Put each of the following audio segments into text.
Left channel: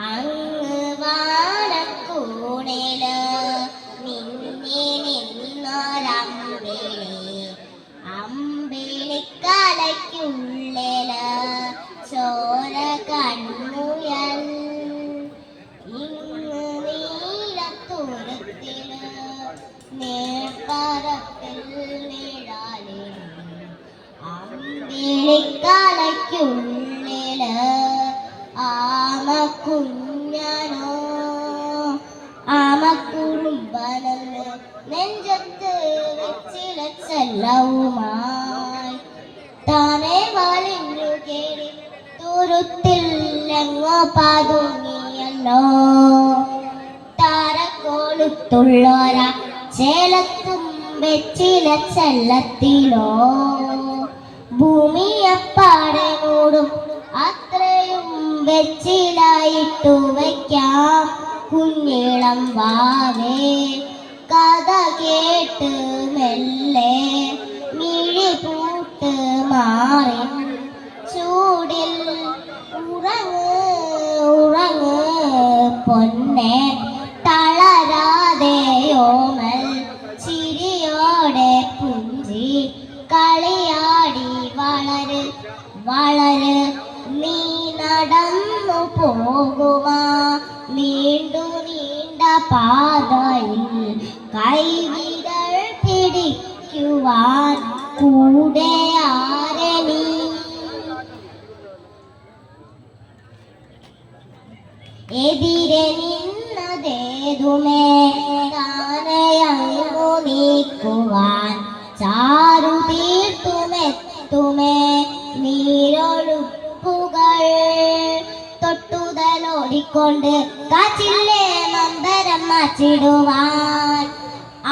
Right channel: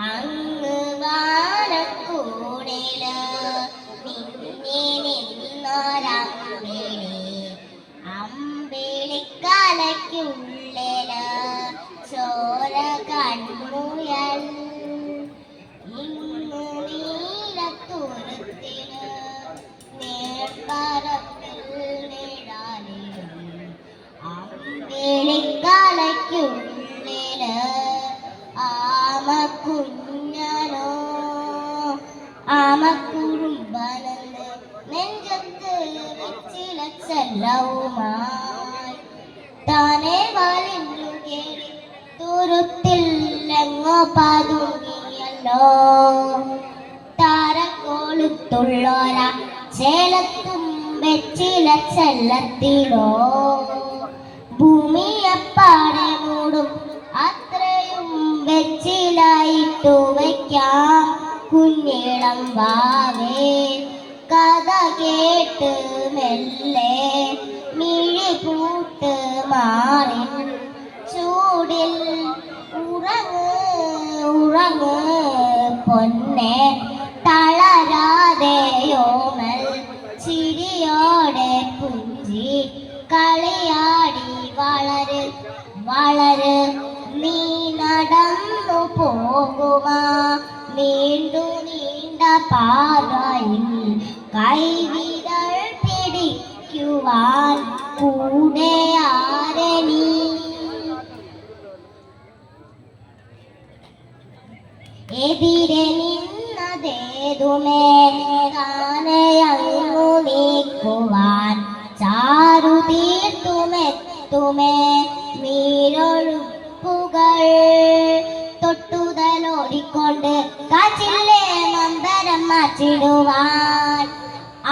അങ്ങ് വാനക്കൂണില് നിന്നി നിന്നൊരമ്പിളി അമ്പിളിക്കലയ്ക്കുള്ളില് ചോര കണ്ണുയൻ ഇങ്ങ് നീലത്തുരുത്തില് നേർപ്പരപ്പിൽ നിഴലിടും അമ്പിളിക്കലയ്ക്കുള്ളില് ആമക്കുഞ്ഞനോ ആമക്കുറുമ്പനെന്ന് നെഞ്ചത്ത് വെച്ചിലച്ചെല്ലവുമായി താനെ വലിഞ്ഞു കേറി തുരുത്തിൽ എങ്ങോ പതുങ്ങിയല്ലോ താരക്കോളുത്തുള്ളോര ചേലത്തും വെച്ചിലച്ചെല്ലത്തിലോ ഭൂമിയപ്പാടെ മൂടും അത്രയും വെച്ചിലായിട്ടു വയ്ക്കാം കുഞ്ഞിളം വാവേ കഥ കേട്ട് മെല്ലെ മിഴി പൂട്ട് മാറി ചൂടിൽ ഉറങ്ങ് ഉറങ്ങ് പൊന്നെ തളരാതെയോമൽ ചിരിയോടെ പുഞ്ചി കളിയാടി വളര് വളര് നീ നടന്നു പോകുമാ നീണ്ടു നീണ്ട പാതയിൽ കൈവിരൽ പിടിക്കുവാൻ കൂടെ ആരണി എതിരെ നിന്നതേതുമേ താനെയങ്ങു നീക്കുവാൻ ചാരു തീർത്തുമെത്തുമേ നീരൊഴുപ്പുകൾ തൊട്ടുതലോടിക്കൊണ്ട് കാച്ചില്ലേ നമ്പരം മാറ്റിടുവാൻ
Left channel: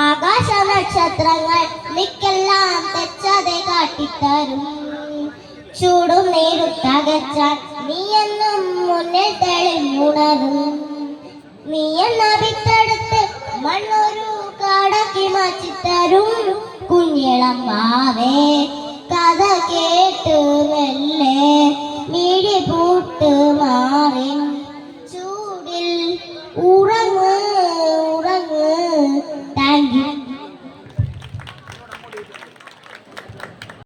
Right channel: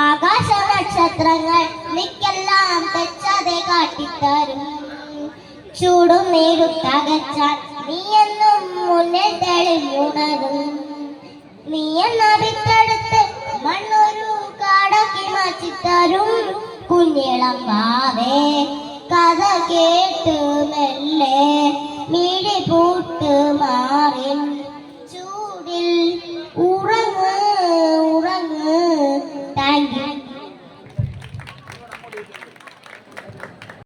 ആകാശ നക്ഷത്രങ്ങൾ നിക്കെല്ലാം തെച്ചതെ കാട്ടിത്തരും ചൂടും നീരുത്തകച്ചാൽ നീയെന്നും മുന്നിൽ തെളിഞ്ഞുണരും നീയെന്ന വിത്തെടുത്ത് മണ്ണൊരു കാടാക്കി മാറ്റിത്തരും കുഞ്ഞിളം വാവേ